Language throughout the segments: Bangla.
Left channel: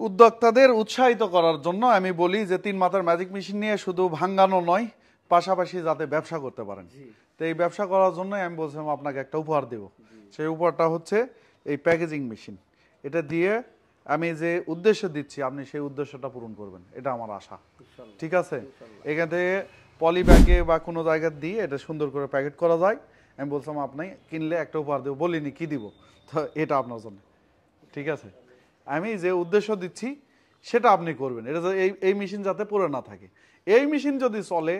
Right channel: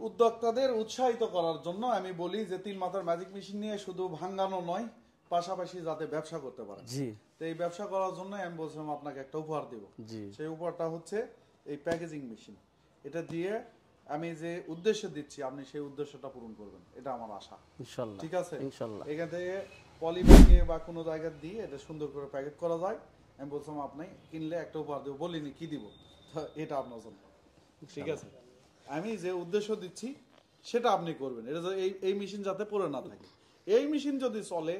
উদ্যোক্তাদের উৎসাহিত করার জন্য আমি বলি যে 3 মাথার ম্যাজিক মেশিন নিয়ে শুধু ভাঙানো নয়, পাশাপাশি যাতে ব্যবসা করতে পারেন। তো এই ব্যবসা করার জন্য আমি বলছিলাম আপনাকে একটা উপহার দেব। সেই উপহারটা হচ্ছে এই প্যাকেজিং মেশিন। এটা দিয়ে আমি যে উদ্দেশ্য দিচ্ছি আপনি সেই উদ্দেশ্যটা পূরণ করবেন, এটা আমার আশা। ইনশাআল্লাহ, ঠিক আছে? ইনশাআল্লাহ। এখান থেকে পলি ব্যাগে বা কোনো জায়গায় দিয়ে এটা সুন্দর করে প্যাকেট করা যায়। আমি বলছিলাম আপনি কিনলে একটা উপহার দেব, বলিনি কি দিব, তো এটা আপনার জন্য। ঠিক আছে, আমি যে উদ্দেশ্য দিচ্ছি সেটা আপনি করবেন। এটা এই মেশিন যাতে পড়ে না থাকে। এই মেশিন যদি চলে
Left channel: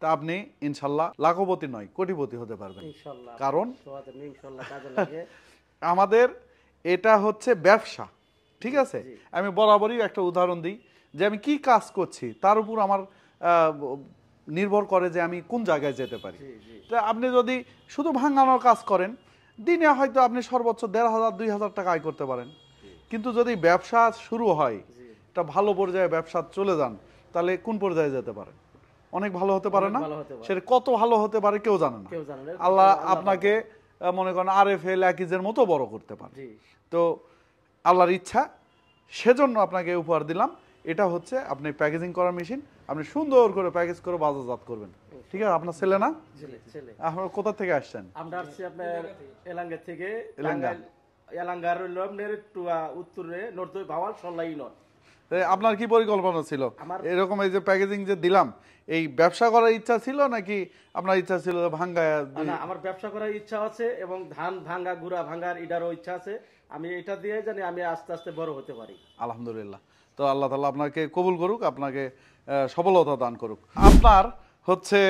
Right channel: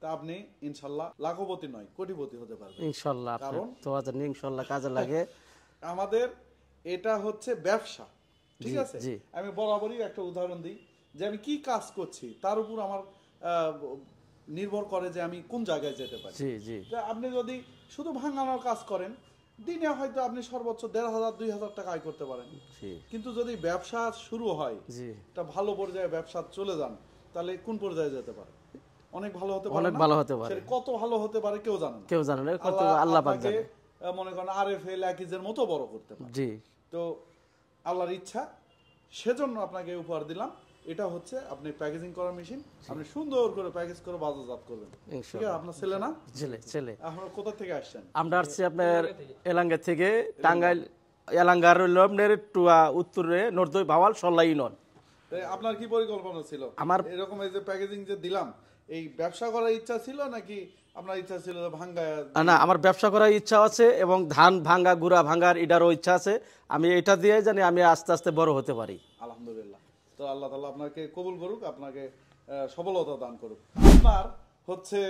তা আপনি ইনশাল্লাহ লাখপতি নয় কোটিপতি হতে পারবেন ইনশাআল্লাহ। কারণ তো ইনশাআল্লাহ কাজে লাগে। আমাদের এটা হচ্ছে ব্যবসা। ঠিক আছে, আমি বরাবরই একটা উদাহরণ দিই যে আমি কি কাজ করছি তার উপর আমার নির্ভর করে যে আমি কোন জায়গায় যেতে পারি। আপনি যদি শুধু ভাঙানোর কাজ করেন দিনে হয়তো আপনি সর্বোচ্চ 1,500-2,000 টাকা আয় করতে পারেন। কিন্তু যদি ব্যবসা শুরু হয়, একটা ভালো পর্যায়ে ব্যবসা চলে যান, তাহলে কোন পর্যায়ে যেতে পারে? অনেক ভালো হতে পারে না? সেটা কত ভালো হতে পারে কেউ জানে না। আল্লাহ আপনাকে মনে করেন আরএফএল একিজের মতো বড় করতে পারে। তো আল্লাহর ইচ্ছা, সেজন্য আপনাকে উপহার দিলাম। এটা হচ্ছে আপনি প্যাকেজিং করার মেশিন, আপনি সুন্দর করে প্যাকেজ করে বাজারজাত করবেন। ঠিক আছে? আপনার ছেলে না? ছেলে। আপনারা কোথা থেকে আসছেন? আমরা আসছি আপনার এলাঙ্গা থেকে, টাঙ্গাইল এলাঙ্গার আপনার টুয়া উত্তরে নর্দই ভাওয়াল সল্লাই ইউনিয়ন। আপনার কি পরিকল্পনা ছিল? আমার এরকম এই যে প্যাকেজিং যে দিলাম, এই ব্যবসা করার ইচ্ছা ছিল নাকি আপনার ইচ্ছা ছিল ভাঙ্গা? না, আমার ব্যবসা করার ইচ্ছা আছে এবং ধান ভাঙ্গা গুড়া ভাঙ্গার এটারও ইচ্ছা আছে। আমি এটা দিয়ে জানি আমি আস্তে আস্তে বড় হতে পারি। আলহামদুলিল্লাহ। তো আল্লাহ তাআলা আপনাকে কবুল করুক, আপনাকে সফলতা দান করুক। আপনার হচ্ছে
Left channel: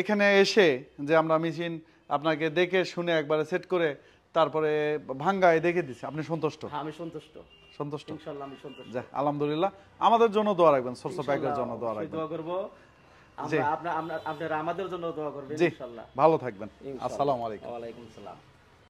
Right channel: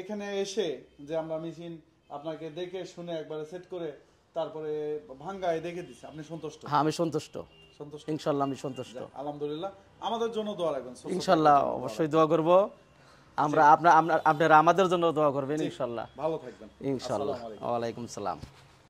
এখানে এসে যে আমরা মেশিন আপনাকে দেখে শুনে একবারে সেট করে তারপরে ভাঙ্গায় দেখে দিচ্ছি, আপনি সন্তুষ্ট? হ্যাঁ, আমি সন্তুষ্ট। সন্তুষ্ট? ইনশাআল্লাহ আমি সন্তুষ্ট। আলহামদুলিল্লাহ। আমাদের জন্য দোয়া রাখবেন। ইনশাআল্লাহ অবশ্যই দোয়া করব। আপনারা আমাদের জন্য দোয়া করবেন ইনশাআল্লাহ। ভালো থাকবেন। আসসালামু আলাইকুম। ওয়া আলাইকুম সালাম।